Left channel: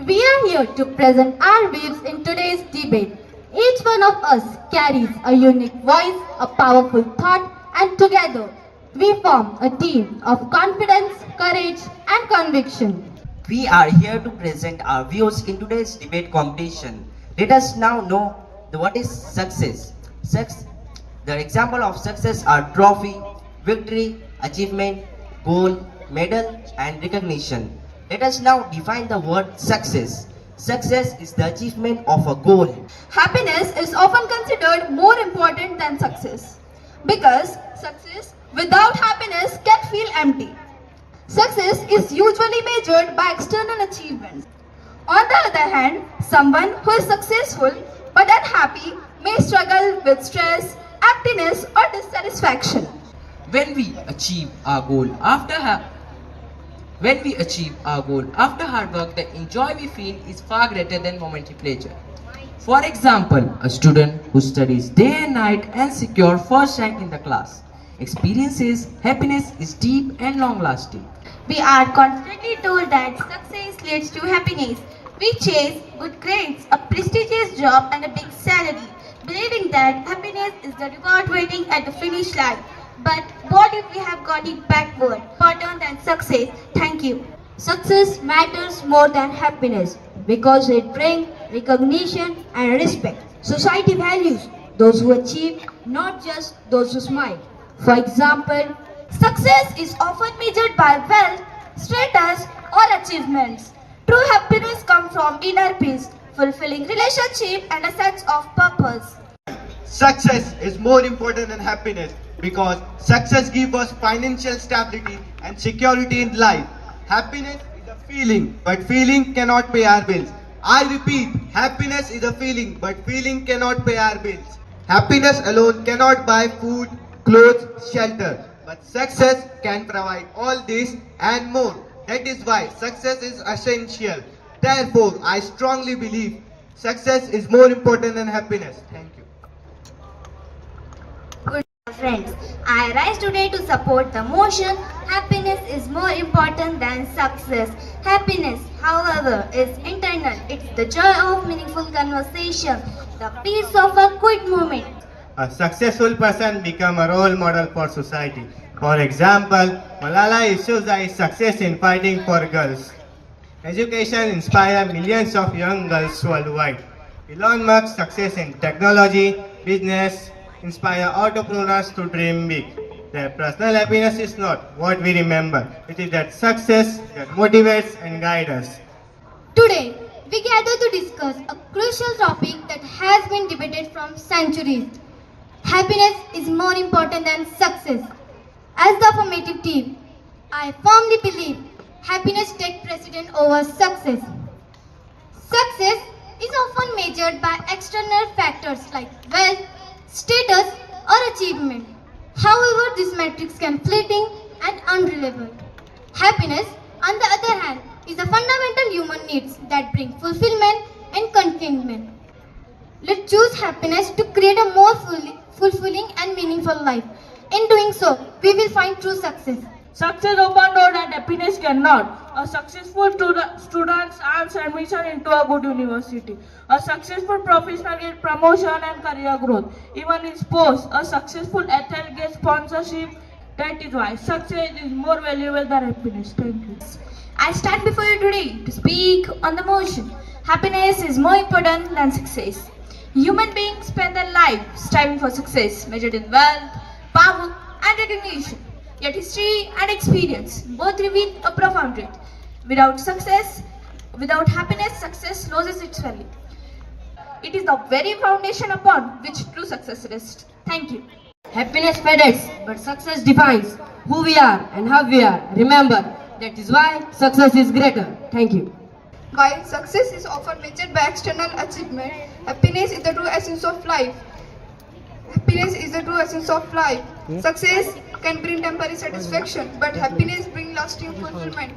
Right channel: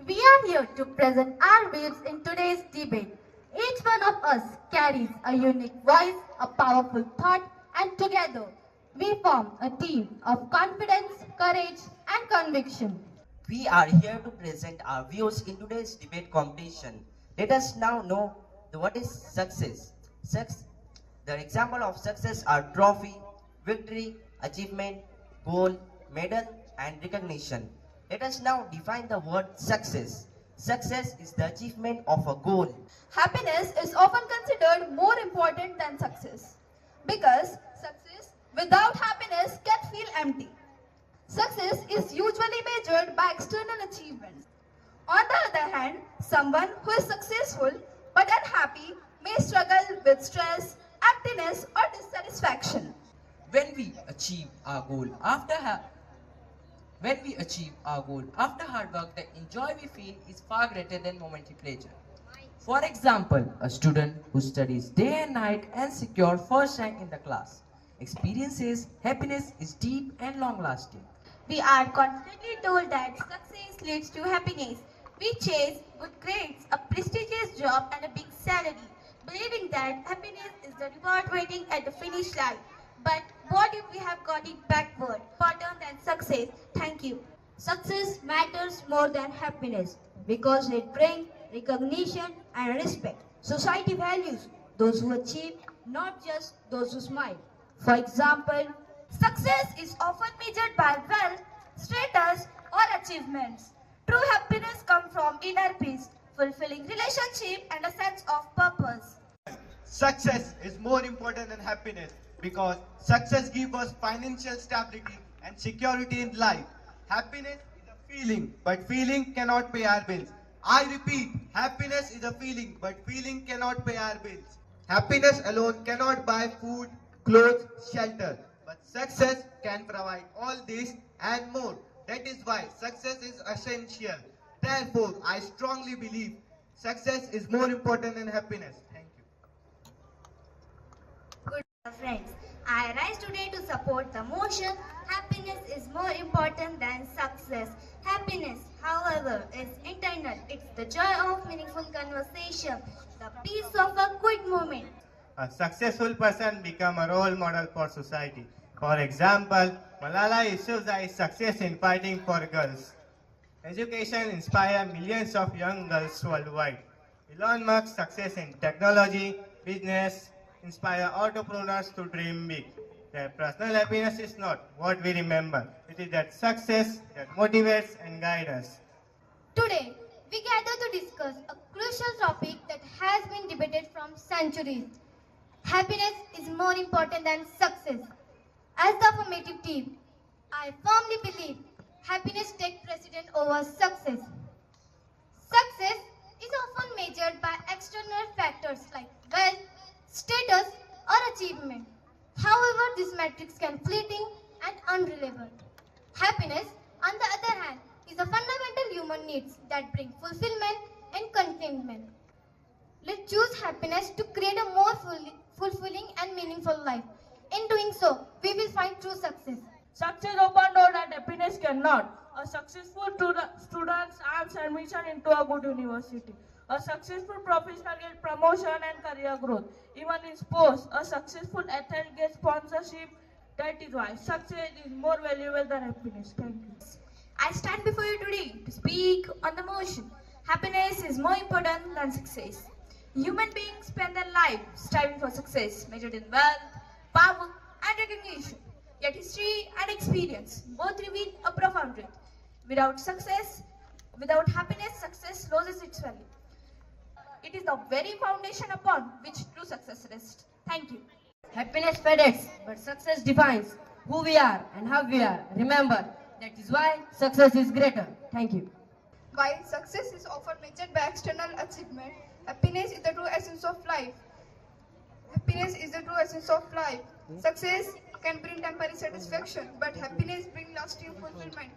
We are here to present our views in today's debate. Each one of us carries a unique voice, a powerful thought, and together we form a team of confidence, courage, and conviction. We are here to present our views in today's debate competition. Let us now know what is success. The example of success are trophy, victory, achievement, goal, medal, and recognition. Let us now define the word success. Success is the achievement of a goal. Happiness is often considered more important than success because success without happiness can feel empty. Success is usually measured by external achievements. On the other hand, someone who is successful but unhappy may struggle with stress, emptiness, or dissatisfaction. When we achieve our goal after hard work, the joy we feel is far greater than momentary pleasure. For example, a student who studies day and night and secure first rank in the class experiences happiness is deep and long lasting. We are constantly told that success leads to happiness. We chase good grades, a prestigious job, and a big salary, believing that happiness is the reward waiting at the finish line. But what if we have got it backward? Important than success. Thank you. Success matters more than happiness because it brings recognition and respect. Society values those who achieve, not just those who smile. For example, success is often measured by wealth, status, or achievements. True happiness comes from inner peace, fulfilling relationship, and a sense of purpose. Success is more important than happiness because success gives us financial stability and security in life. Happiness is a feeling, but feeling cannot pay our bills. I repeat, happiness is a feeling, but feeling cannot pay our bills. Happiness alone cannot buy food, clothes, shelter, but success can provide all this and more. That is why success is essential. Therefore, I strongly believe success is more important than happiness. Thank you. Friends, I rise today to support the motion. Happiness is more important than success. Happiness, however, is internal. It's the joy of meaningful conversation, the peace of a quick moment. A successful person becomes a role model for society. For example, Malala Yousafzai's success in fighting for girls. Education inspires millions of young girls worldwide. Elon Musk's success in technology, business, inspire entrepreneurs to dream big. Their personal happiness is not what we remember. It is that success that motivates and guides us. Today, we gather to discuss a crucial topic that has been debated from centuries. Happiness is more important than success. As the affirmative team, I firmly believe happiness takes precedence over success. Success is often measured by external factors like wealth, status, or achievement. However, these metrics can be fleeting and unreliable. Happiness, on the other hand, is a fundamental human need that bring fulfillment and contentment. Let's choose happiness to create a more fulfilling and meaningful life. In doing so, we will find true success. Success open door that happiness cannot. A successful student earns admission into a good university. A successful professional gets promotion and career growth. Even in sports, a successful athlete gets sponsorship. That is why success is more valuable than happiness. Thank you. I stand before you today to speak on the motion. Happiness is more important than success. Human beings spend their life striving for success, measured in wealth, power, and recognition. Yet history and experience both reveal a profound truth. Without happiness, success loses its value. It is the very foundation upon which true success rests. Thank you. Happiness fades, but success defines who we are and how we are. Remember, that is why success is greater. Thank you. While success is often measured by external achievement, happiness is the true essence of life. Happiness is the true essence of life. Success can bring temporary satisfaction, but happiness brings lasting fulfillment.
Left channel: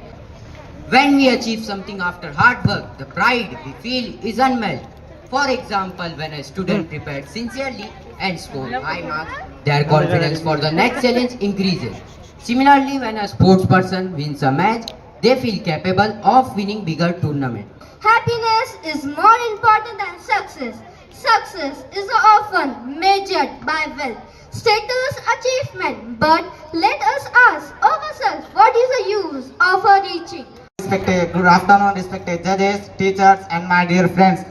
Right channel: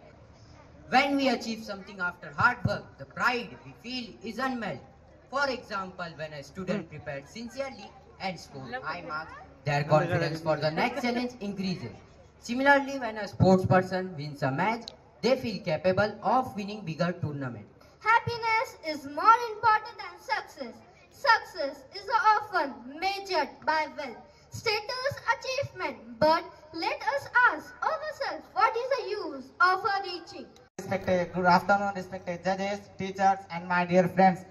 When we achieve something after hard work, the pride we feel is unmatched. For example, when a student prepared sincerely and scored high marks, their confidence for the next challenge increases. Similarly, when a sports person wins a match, they feel capable of winning bigger tournaments. Happiness is more important than success. Success is often measured by wealth, status, achievement. But let us ask ourselves, what is the use of reaching? Respected, good afternoon, respected judges, teachers, and my dear friends.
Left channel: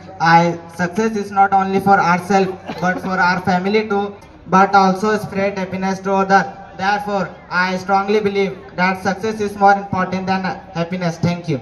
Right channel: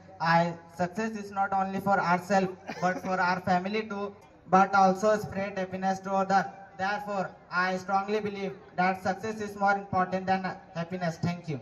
Success is not only for ourselves but for our family too, but also spread happiness to others. Therefore, I strongly believe that success is more important than happiness. Thank you.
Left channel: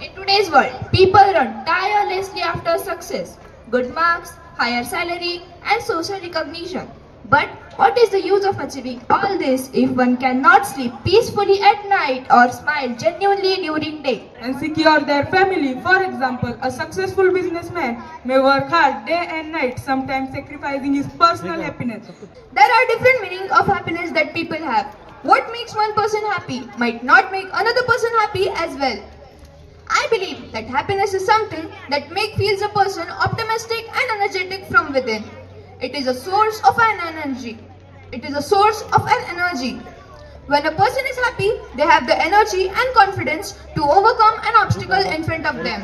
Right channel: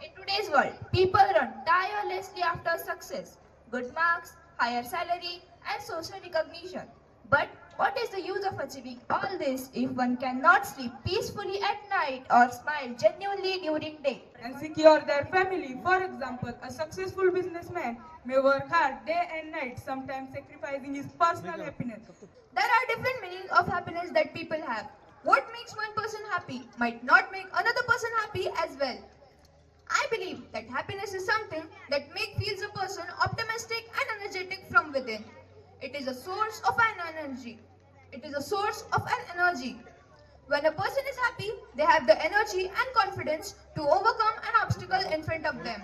In today's world, people run tirelessly after success, good marks, higher salary, and social recognition. But what is the use of achieving all this if one cannot sleep peacefully at night or smile genuinely during day? And secure their family. For example, a successful businessman may work hard day and night, sometimes sacrificing his personal happiness. There are different meanings of happiness that people have. What makes one person happy might not make another person happy as well. I believe that happiness is something that feels a person optimistic and energetic from within. It is a source of an energy. It is a source of an energy. When a person is happy, they have the energy and confidence to overcome an obstacle in front of them.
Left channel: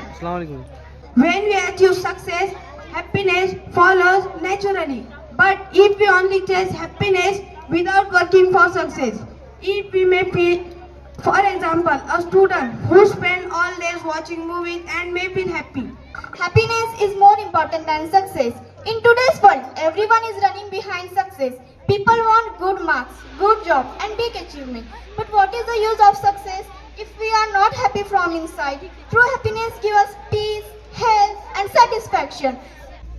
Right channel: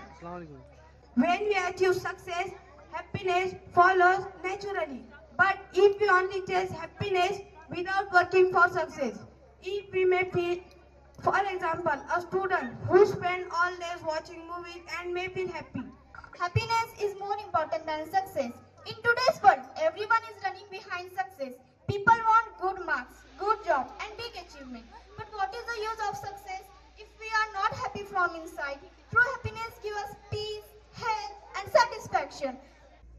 When we achieve success, happiness follows naturally. But if we only chase happiness without working for success, if we may feel, for example, a student who spends all days watching movies and may feel happy. Happiness is more important than success. In today's world, everyone is running behind success. People want good marks, good job, and big achievement. But what is the use of success if we are not happy from inside? True happiness gives us peace, health, and satisfaction.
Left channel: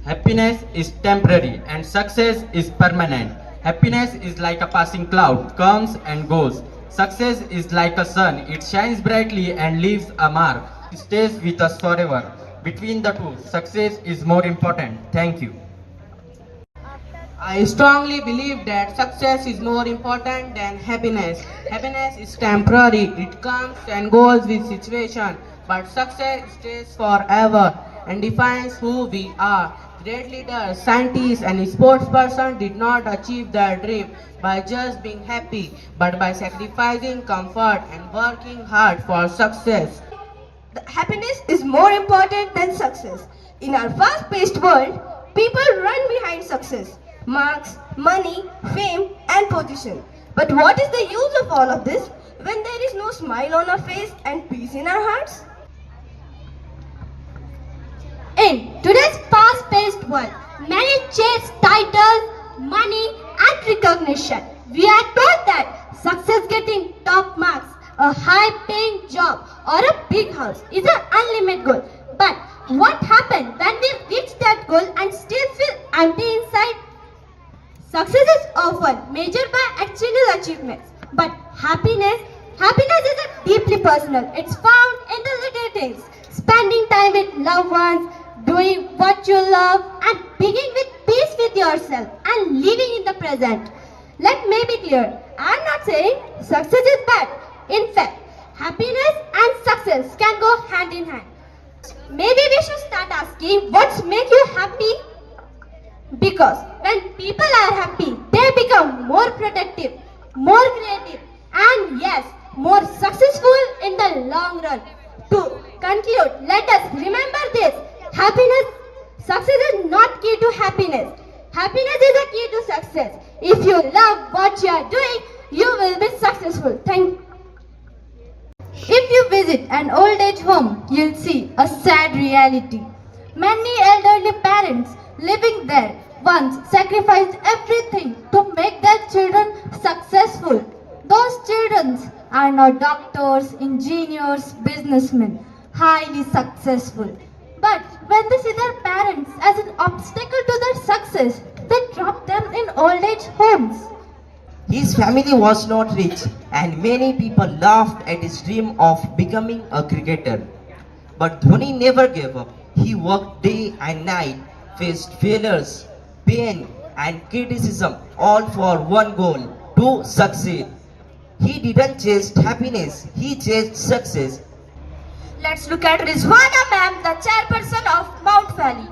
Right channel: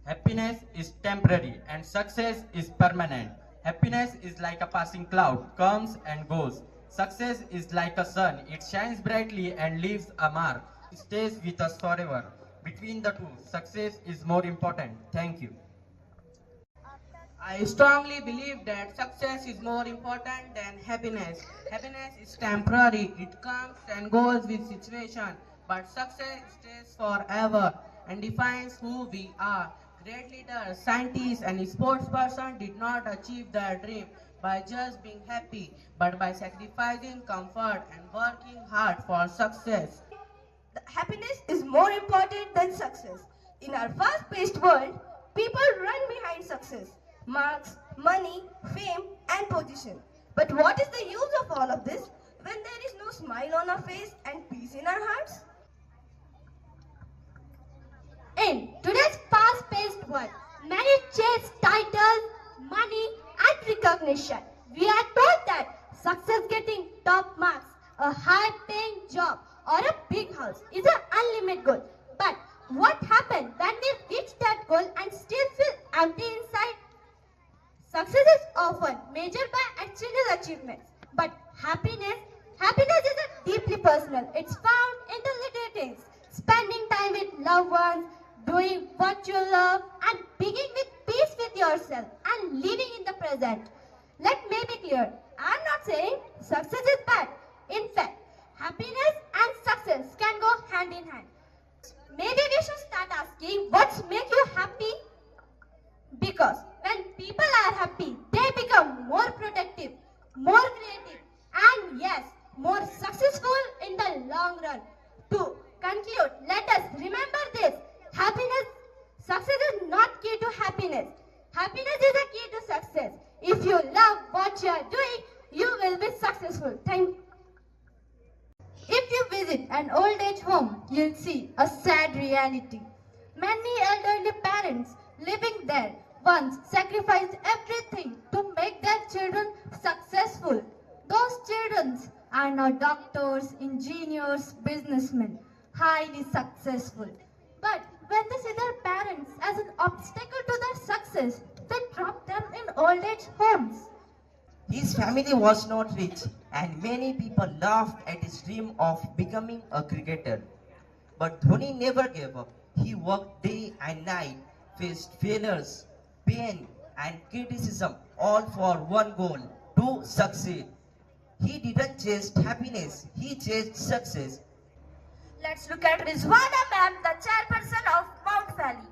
Happiness is temporary and success is permanent. Happiness is like a passing cloud, comes and goes. Success is like a sun, it shines brightly and leaves a mark. It stays with us forever. Between the two, success is more important. Thank you. I strongly believe that success is more important than happiness. Happiness is temporary, it comes and goes with situation, but success stays forever and defines who we are. Great leaders, scientists, and sportspersons did not achieve their dream by just being happy, but by sacrificing comfort and working hard for success. Happiness is more important than success. In our fast-paced world, people run behind success, marks, money, fame, and position. But what is the use of all of this when there is no smile on our face and peace in our hearts? In today's fast-paced world, many chase titles, money, and recognition. We are told that success, getting top marks, a high-paying job, or a big house is an unlimited goal. But what happens when we reach that goal and still feel empty inside? Success is often measured by external achievements, but happiness is a deeply personal. It's found in the little things: spending time with loved ones, doing what you love, and being with peace with yourself and living in the present. Let me be clear, I'm not saying success is bad. In fact, happiness and success can go hand in hand. Maybe we should start asking what makes you happy? Because when people are happy, they become more productive, more creative, and yes, more successful in the long run. To conclude, let us remember this. Success is not key to happiness. Happiness is a key to success. If you love what you are doing, you will be successful. Thank you. If you visit an old age home, you'll see a sad reality. Many elderly parents living there once sacrificed everything to make their children successful. Those children are now doctors, engineers, businessmen, highly successful. But when they see their parents as an obstacle to their success, they drop them in old age homes. His family was not rich, and many people laughed at his dream of becoming a cricketer. But Dhoni never gave up. He worked day and night, faced failures, pain, and criticism, all for one goal: to succeed. He didn't chase happiness, he chased success. Let's look at Rizwana ma'am, the chairperson of Mount Valley.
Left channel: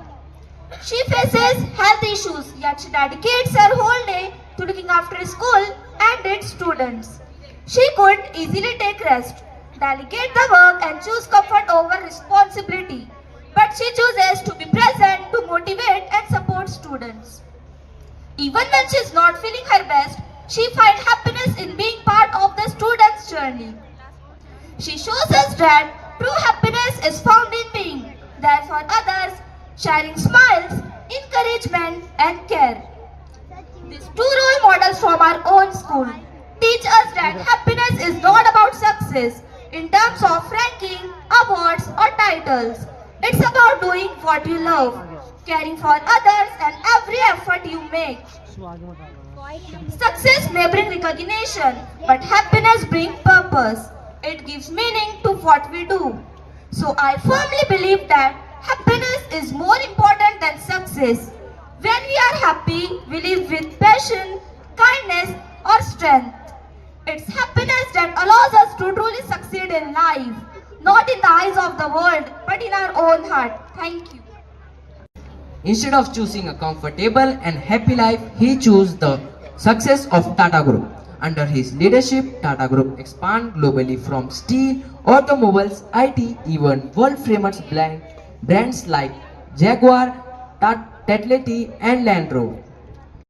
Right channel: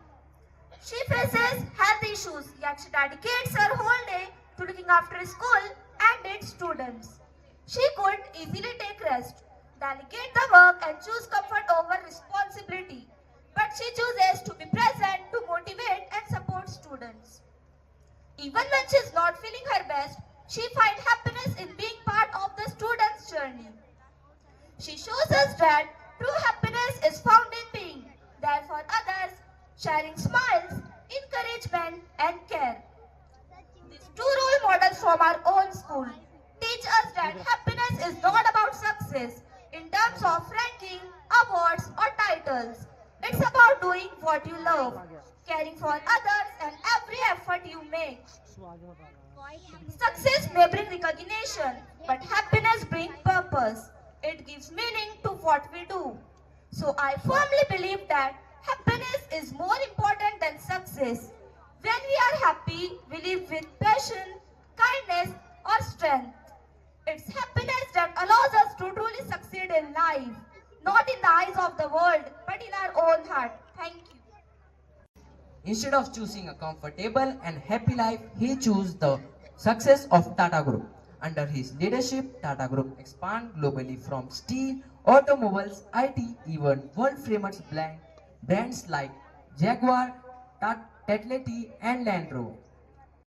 She faces health issues, yet she dedicates her whole day to looking after school and its students. She couldn't easily take rest. delegate the work and choose comfort over responsibility. But she chooses to be present to motivate and support students. Even when she is not feeling her best, she finds happiness in being part of the student's journey. She shows us that true happiness is found in being there for others, sharing smiles, encouragement, and care. These two role models from our own school teach us that happiness is not about success in terms of ranking, awards, or titles. It's about doing what you love, caring for others, and every effort you make. Success may bring recognition, but happiness brings purpose. It gives meaning to what we do. So I firmly believe that happiness is more important than success. When we are happy, we live with passion, kindness, or strength. It's happiness that allows us to truly succeed in life, not in the eyes of the world, but in our own heart. Thank you. Instead of choosing a comfortable and happy life, he chose the success of Tata Group. Under his leadership, Tata Group expand globally from steel, automobiles, IT, even world-famous brands like Jaguar, Tatletti, and Land Rover.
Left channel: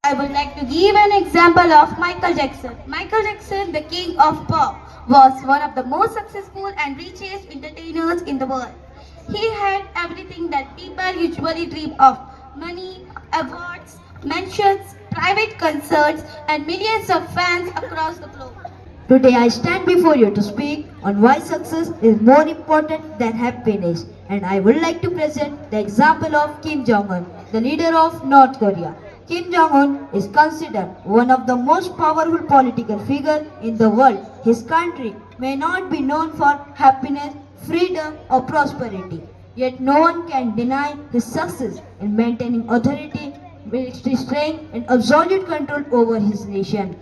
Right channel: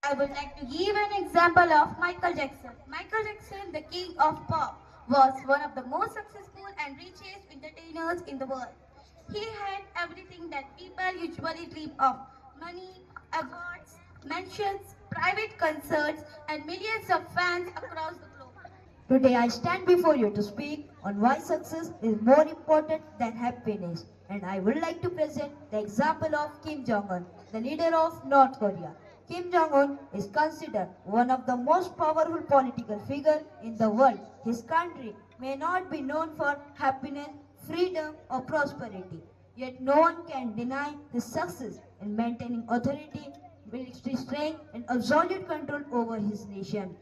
I would like to give an example of Michael Jackson. Michael Jackson, the king of pop, was one of the most successful and richest entertainers in the world. He had everything that people usually dream of: money, awards, mansions, private concerts, and millions of fans across the globe. Today I stand before you to speak on why success is more important than happiness, and I would like to present the example of Kim Jong-un, the leader of North Korea. Kim Jong-un is considered one of the most powerful political figures in the world. His country may not be known for happiness, freedom, or prosperity, yet no one can deny his success in maintaining authority, military strength, and absolute control over his nation.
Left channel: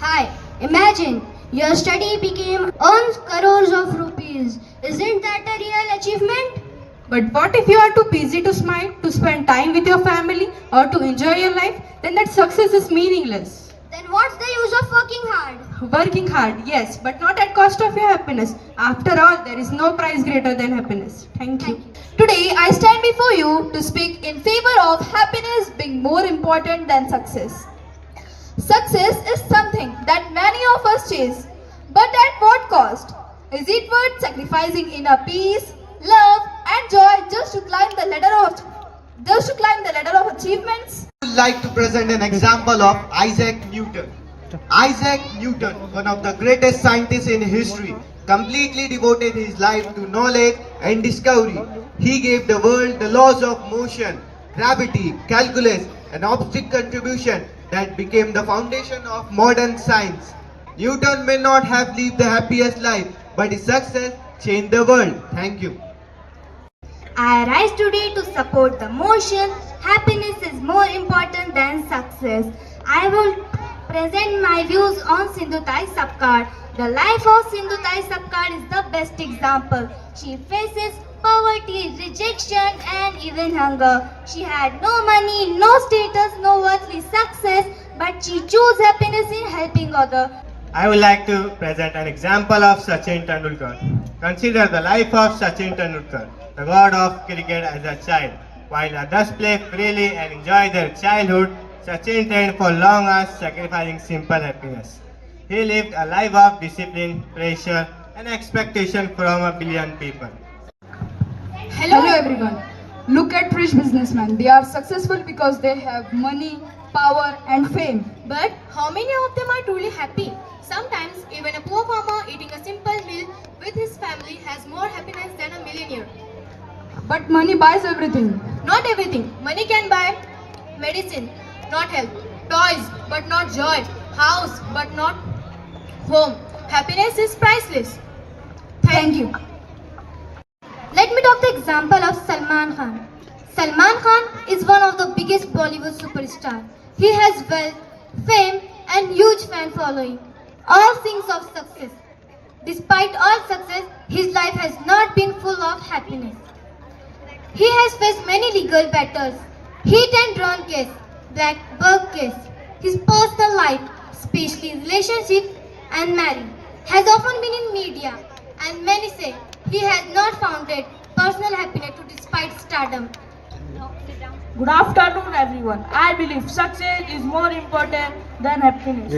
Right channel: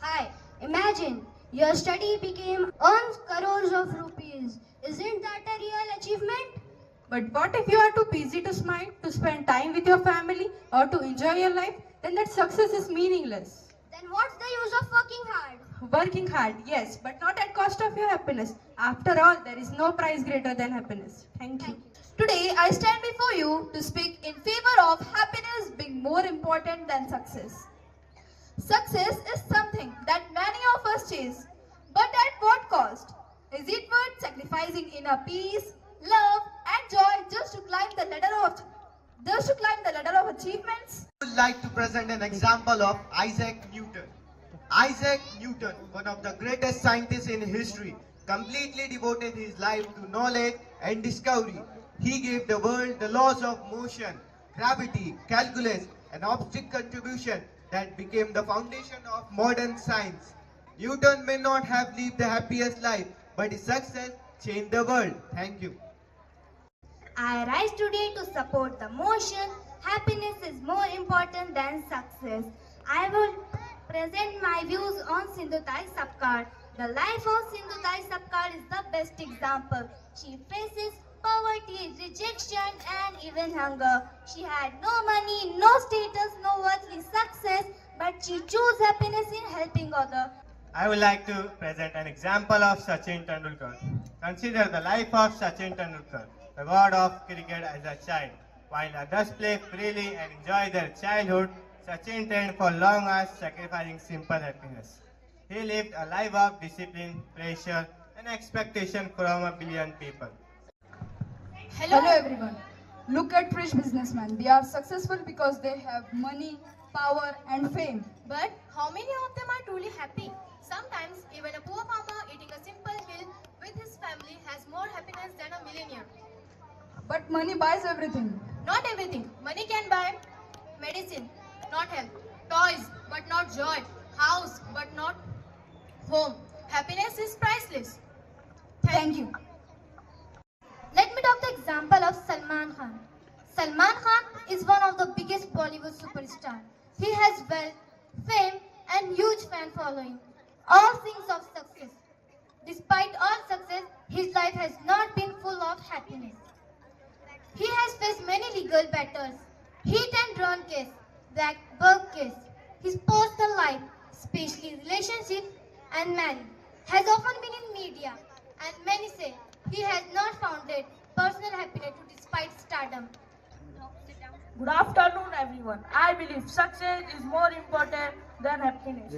Hi, imagine your study became earns crores of rupees. Isn't that a real achievement? But what if you are too busy to smile, to spend time with your family, or to enjoy your life? Then that success is meaningless. Then what's the use of working hard? Working hard, yes, but not at cost of your happiness. After all, there is no prize greater than happiness. Thank you. Today, I stand before you to speak in favor of happiness being more important than success. Success is something that many of us chase, but at what cost? Is it worth sacrificing inner peace, love, and joy just to climb the ladder of achievements? I would like to present an example of Isaac Newton. Isaac Newton, one of the greatest scientists in history, completely devoted his life to knowledge and discovery. He gave the world the laws of motion, gravity, calculus, and optic contribution that became the foundation of modern science. Newton may not have lived the happiest life, but his success changed the world. Thank you. I rise today to support the motion. Happiness is more important than success. I will present my views on Sindhutai Sapkar. The life of Sindhutai Sapkar is the best example. She faces poverty, rejection, and even hunger. She had no money, no status, no worldly success, but she chose happiness in helping others. I would like to present an example of Sachin Tendulkar. Consider the life of Sachin Tendulkar, the god of cricket, as a child. While others play freely and enjoy their childhood, Sachin trained for long hours, sacrificing simple happiness. He lived a life of discipline, pressure, and expectation from a billion people. Hello everyone. Look at rich businessmen. They are successful because they have money, power, and fame. But how many of them are truly happy? Sometimes even a poor farmer eating a simple meal with his family has more happiness than a millionaire. But money buys everything. Not everything. Money can buy medicine, not health. Toys, but not joy. House, but not home. Happiness is priceless. Thank you. Let me talk the example of Salman Khan. Salman Khan is one of the biggest Bollywood superstars. He has wealth, fame, and huge fan following. All things of success. Despite all success, his life has not been full of happiness. He has faced many legal battles, hit and run case, black bug case. His personal life, especially relationship and marriage, has often been in in media, and many say he has not founded personal happiness to despite stardom. Good afternoon, everyone. I believe success is more important than happiness.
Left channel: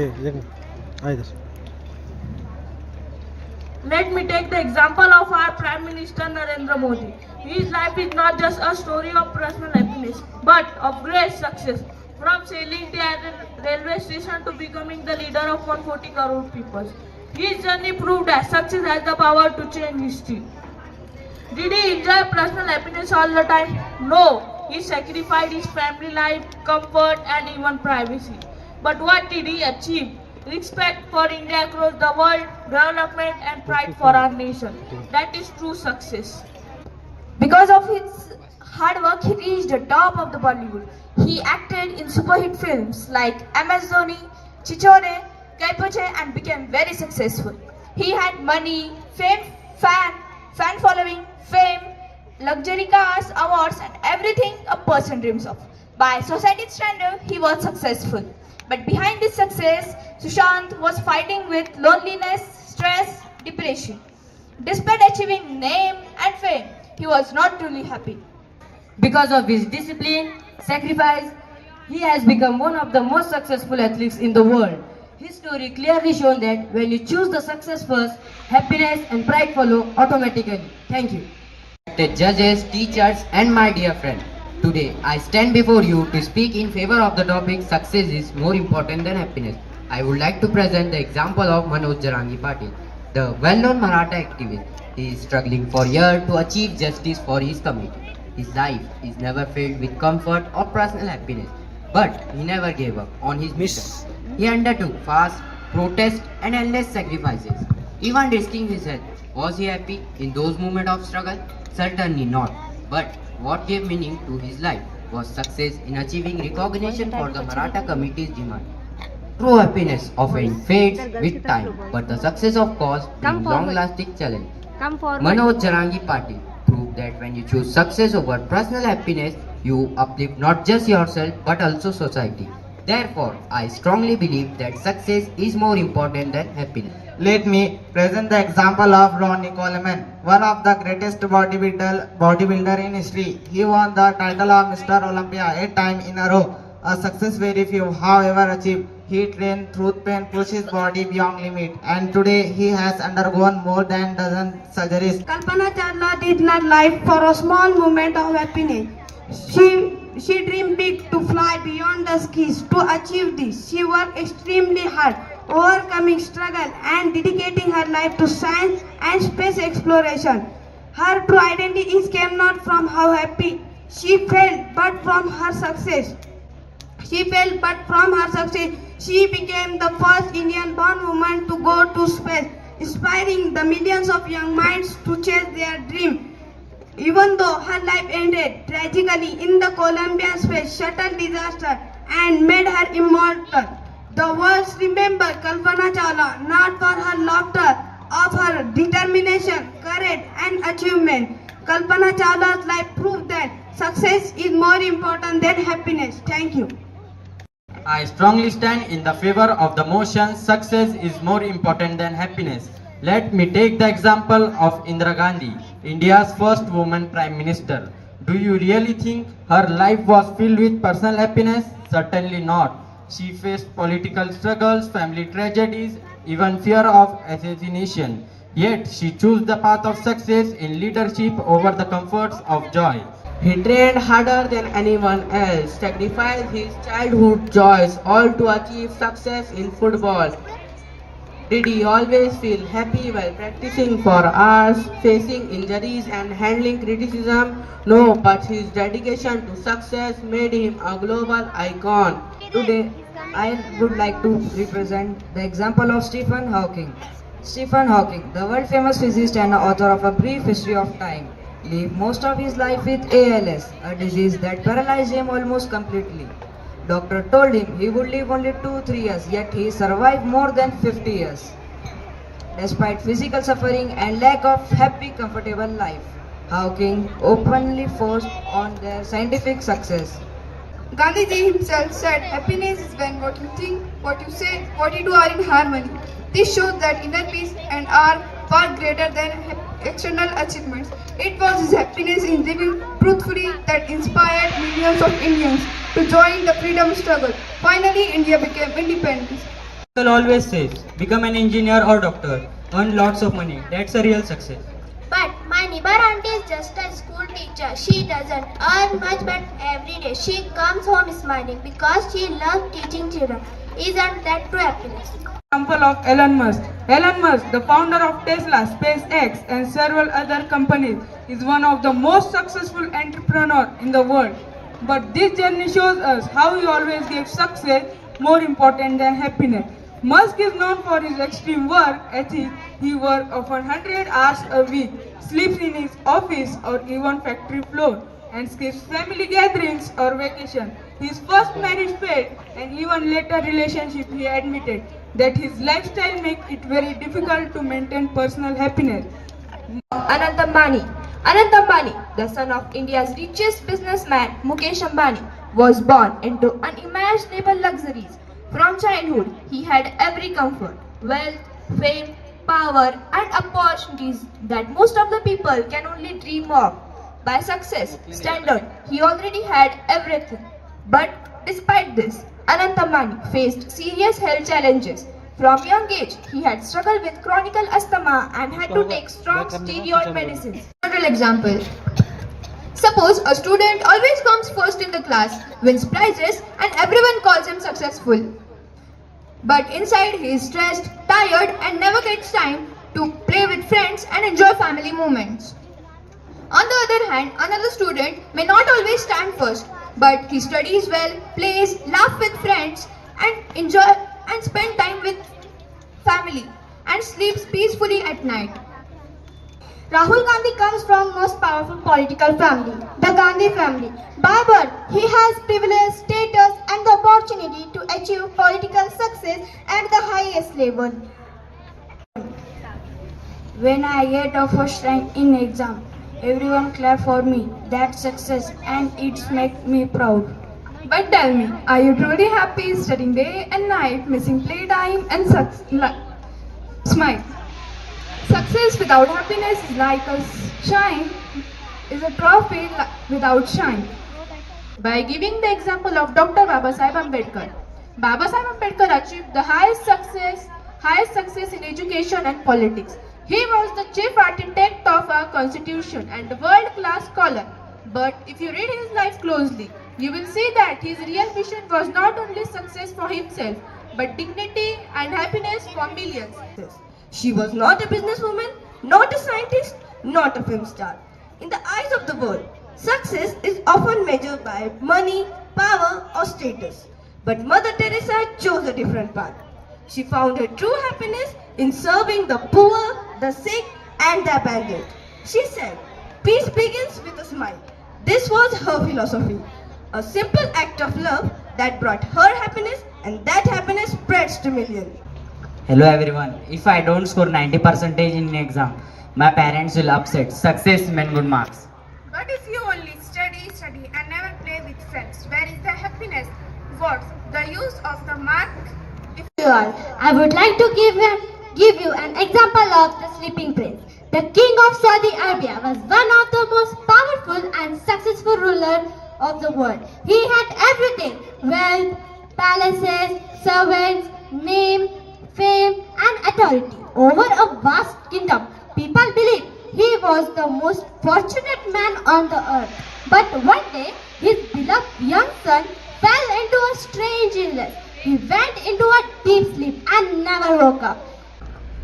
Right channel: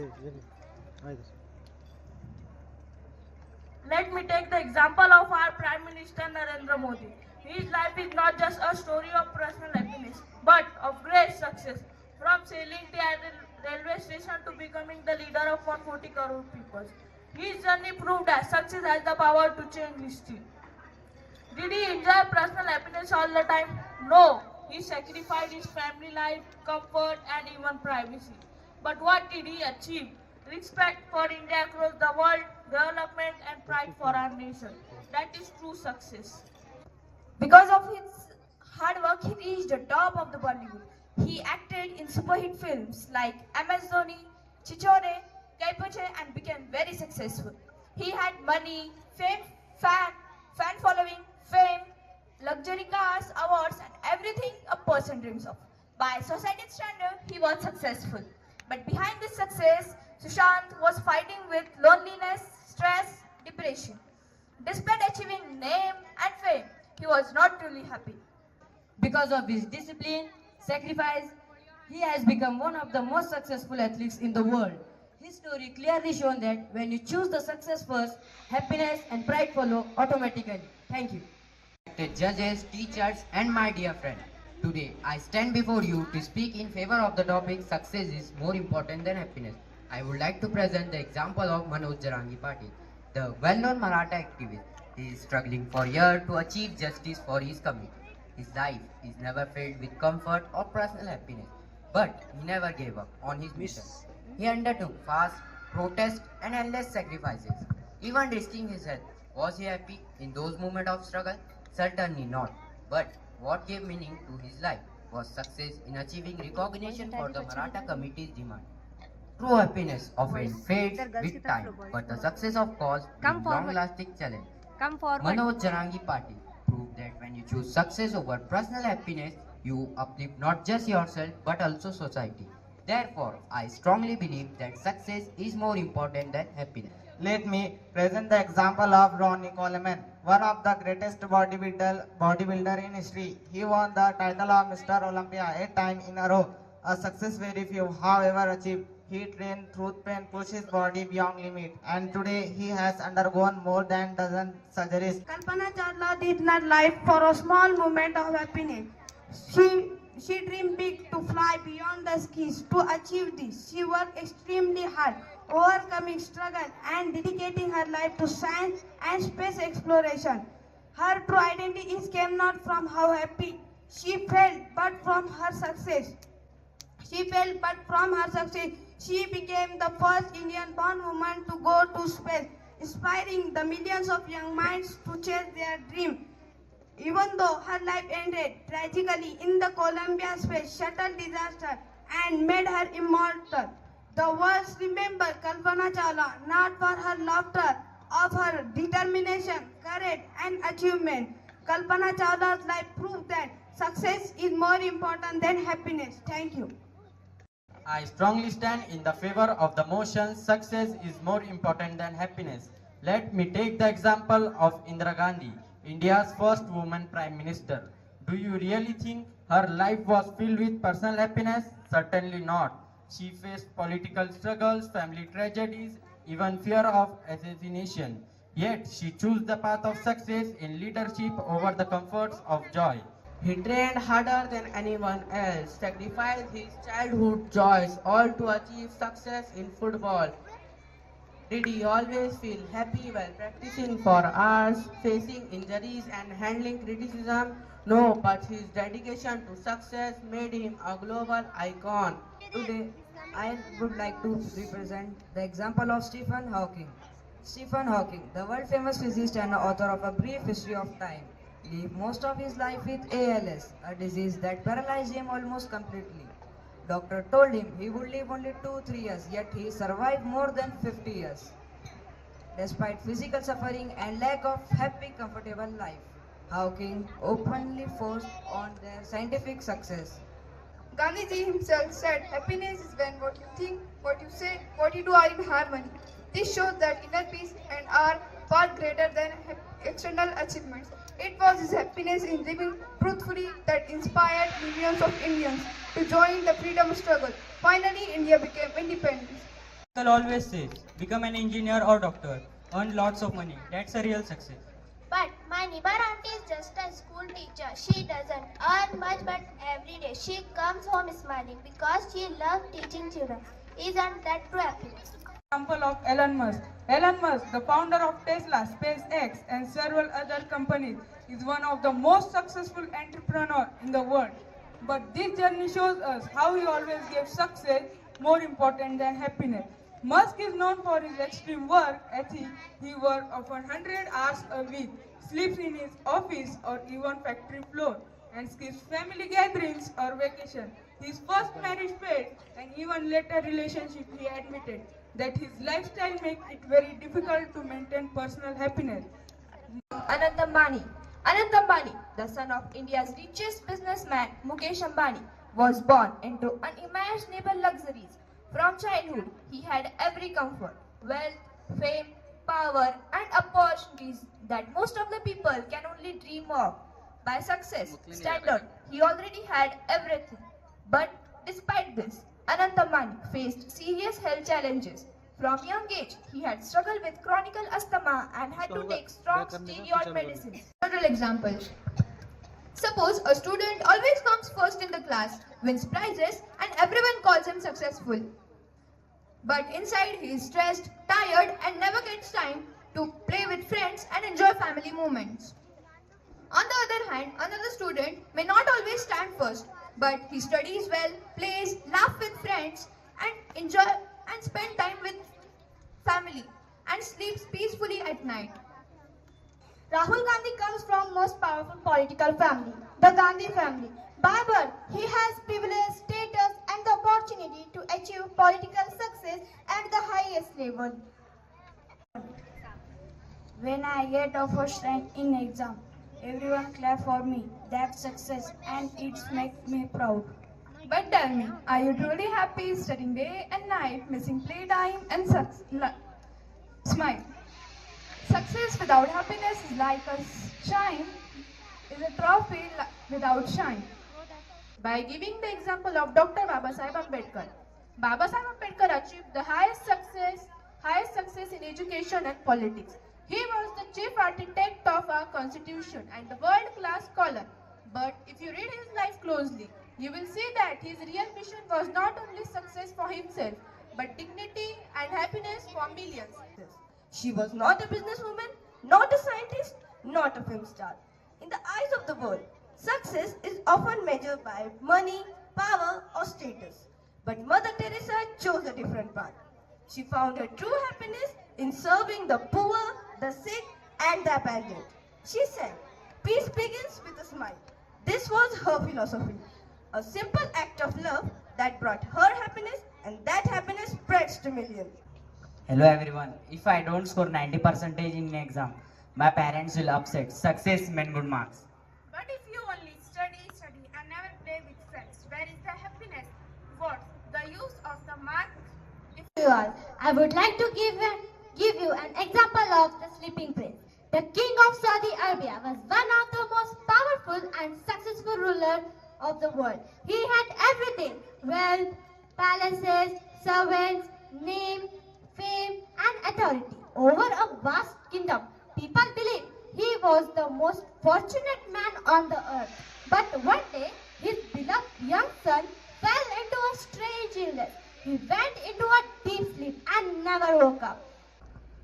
Let me take the example of our Prime Minister Narendra Modi. His life is not just a story of personal happiness, but of great success. From sailing the railway station to becoming the leader of 140 crore people. His journey proved that success has the power to change history. Did he enjoy personal happiness all the time? No. He sacrificed his family life, comfort and even privacy. But what did he achieve? Respect for India across the world, development and pride for our nation. That is true success. Because of his hard work, he reached the top of the Bollywood. He acted in super hit films like MS Dhoni, Chichore, Kaipoche and became very successful. He had money, fame, fan following, fame, luxury cars, awards and everything a person dreams of. By society's standard, he was successful. But behind this success, Sushant was fighting with loneliness, stress, depression. Despite achieving name and fame, he was not truly happy. Because of his discipline, sacrifice, he has become one of the most successful athletes in the world. His story clearly shows that when you choose the success first, happiness and pride follow automatically. Thank you. Respected judges, teachers and my dear friend, today I stand before you to speak in favor of the topic success is more important than happiness. I would like to present the example of Manoj Jarangi Patil, the well-known Maratha activist. He is struggling for years to achieve justice for his community. His life is never filled with comfort or personal happiness, but he never gave up on his mission. He undertook fast, protest and endless sacrifices, even risking his health. Was he happy in those moments of struggle? Certainly not. But what gave meaning to his life was success in achieving recognition for the Maratha community's demand. True happiness often fades with time, but the success of cause brings long-lasting challenge. Manoj Jarangi Patil proved that when you choose success over personal happiness, you uplift not just yourself but also society. Therefore, I strongly believe that success is more important than happiness. Let me present the example of Ronnie Coleman, one of the greatest bodybuilder in history. He won the title of Mr. Olympia 8 times in a row, a success very few, however, achieved. He trained through pain, pushed his body beyond limit, and today he has undergone more than dozen surgeries. Kalpana Chawla did not live for a small moment of happiness. She dreamed big to fly beyond the skies. To achieve this, she worked extremely hard, overcoming struggle and dedicating her life to science and space exploration. Her true identity came not from how happy she felt, but from her success. She became the first Indian-born woman to go to space, inspiring the millions of young minds to chase their dream. Even though her life ended tragically in the Columbia Space Shuttle disaster and made her immortal, the world remember Kalpana Chawla not for her laughter, of her determination, courage and achievement. Kalpana Chawla's life proved that success is more important than happiness. Thank you. I strongly stand in the favor of the motion success is more important than happiness. Let me take the example of Indira Gandhi, India's first woman Prime Minister. Do you really think her life was filled with personal happiness? Certainly not. She faced political struggles, family tragedies, even fear of assassination. Yet she chose the path of success in leadership over the comforts of joy. He trained harder than anyone else, sacrificed his childhood joys, all to achieve success in football. Did he always feel happy while practicing for hours, facing injuries and handling criticism? No, but his dedication to success made him a global icon. Today, I would like to represent the example of Stephen Hawking. Stephen Hawking, the world-famous physicist and author of A Brief History of Time, lived most of his life with ALS, a disease that paralyzed him almost completely. Doctor told him he would live only 2-3 years, yet he survived more than 50 years. Despite physical suffering and lack of happy, comfortable life, Hawking openly forced on their scientific success. Gandhiji himself said, happiness is when what you think, what you say, what you do are in harmony. This shows that inner peace and our far greater than external achievements. It was his happiness in living truthfully that inspired millions of Indians to join the freedom struggle. Finally, India became independent. Uncle always says, become an engineer or doctor, earn lots of money. That's a real success. But my neighbor auntie is just a school teacher. She doesn't earn much, but every day she comes home smiling because she loves teaching children. Isn't that true happiness? Example of Elon Musk. Elon Musk, the founder of Tesla, SpaceX, and several other companies, is one of the most successful entrepreneurs in the world. But this journey shows us how he always gives success more important than happiness. Musk is known for his extreme work ethic. He works often 100 hours a week, sleeps in his office or even factory floor, and skips family gatherings or vacation. His first marriage failed, and even later relationship he admitted that his lifestyle makes it very difficult to maintain personal happiness. Anant Ambani. Anant Ambani, the son of India's richest businessman Mukesh Ambani, was born into unimaginable luxuries. From childhood, he had every comfort, wealth, fame, power, and opportunities that most of the people can only dream of. By success standard, he already had everything. But despite this, Anant Ambani faced serious health challenges. From young age, he had struggled with chronic asthma and had to take strong steroid medicines. Several examples. Suppose a student always comes first in the class, wins prizes, and everyone calls him successful. But inside he is stressed, tired, and never gets time to play with friends and enjoy family moments. On the other hand, another student may not always stand first, but he studies well, plays, laughs with friends, and enjoy and spend time with family, and sleeps peacefully at night. Rahul Gandhi comes from most powerful political family, the Gandhi family. By birth, he has privilege, status, and the opportunity to achieve political success at the highest level. When I get a first rank in exam, everyone clap for me. That's success and it makes me proud. But tell me, are you truly happy studying day and night, missing playtime and smile? Success without happiness is like a shine, is a trophy without shine. By giving the example of Dr. Babasaheb Ambedkar, Babasaheb Ambedkar achieved the highest success in education and politics. He was the chief architect of our constitution and a world-class scholar. But if you read his life closely, you will see that his real mission was not only success for himself, but dignity and happiness for millions. She was not a businesswoman, not a scientist, not a film star. In the eyes of the world, success is often measured by money, power, or status. But Mother Teresa chose a different path. She found her true happiness in serving the poor, the sick, and the abandoned. She said, "Peace begins with a smile." This was her philosophy. A simple act of love that brought her happiness, and that happiness spreads to millions. Hello everyone. If I don't score 90% in exam, my parents will upset. Success meant good marks. But if you only study and never play with friends, where is the happiness? What's the use of the mark? I would like to give you an example of the sleeping prince. The king of Saudi Arabia was one of the most powerful and successful rulers of the world. He had everything: wealth, palaces, servants, name, fame, and authority over a vast kingdom. People believed he was the most fortunate man on the earth. But one day, his beloved young son fell into a strange illness. He went into a deep sleep and never woke up.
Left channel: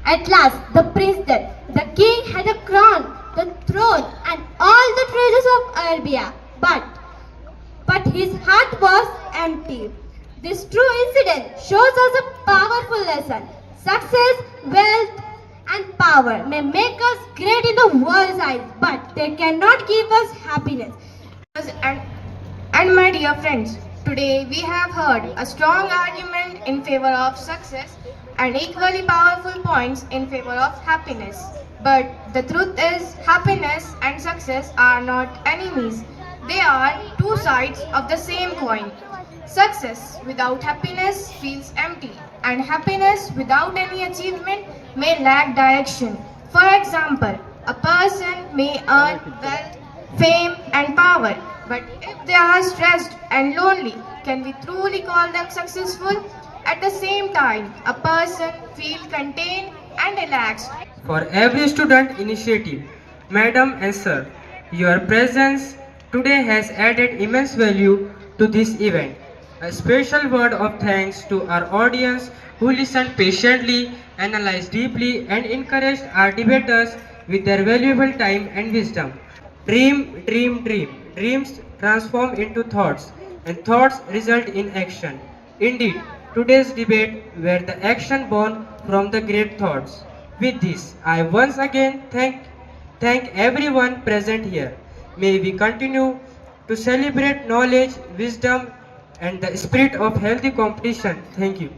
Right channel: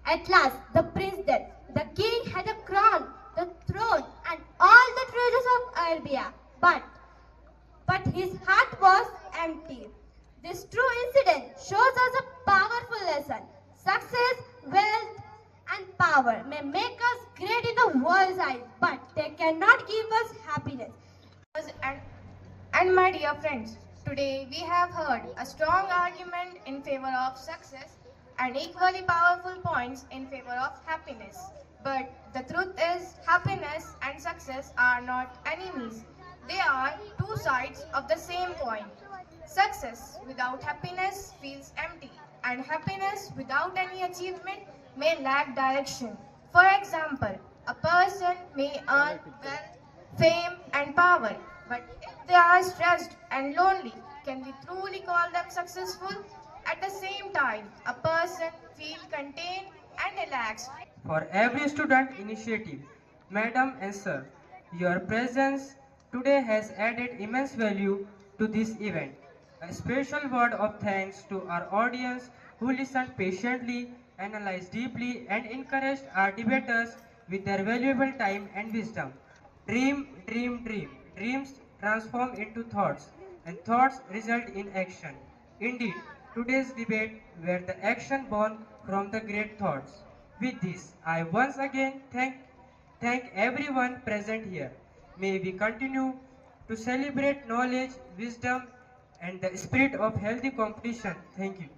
At last, the prince died. The king had a crown, the throne, and all the treasures of Arabia. But his heart was empty. This true incident shows us a powerful lesson. Success, wealth, and power may make us great in the world's eyes, but they cannot give us happiness. And my dear friends, today we have heard a strong argument in favor of success and equally powerful points in favor of happiness. But the truth is, happiness and success are not enemies. They are two sides of the same coin. Success without happiness feels empty, and happiness without any achievement may lack direction. For example, a person may earn wealth, fame, and power, but if they are stressed and lonely, can we truly call them successful? At the same time, a person feels contained and relaxed. For every student initiative, Madam and Sir, your presence today has added immense value to this event. A special word of thanks to our audience who listened patiently, analyzed deeply, and encouraged our debaters with their valuable time and wisdom. Dream, dream, dream. Dreams transform into thoughts, and thoughts result in action. Indeed, today's debate were the action born from the great thoughts. With this, I once again thank everyone present here. May we continue to celebrate knowledge, wisdom, and the spirit of healthy competition. Thank you.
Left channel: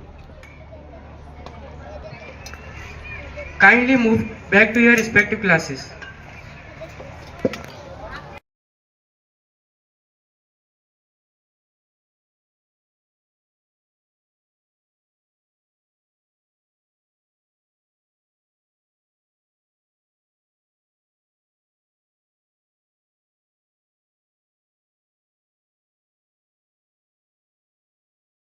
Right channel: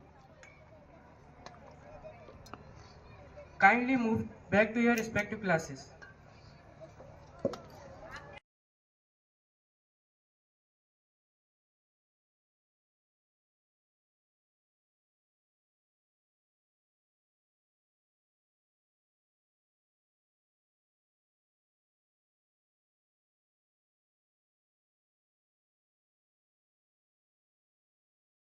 Kindly move back to your respective classes.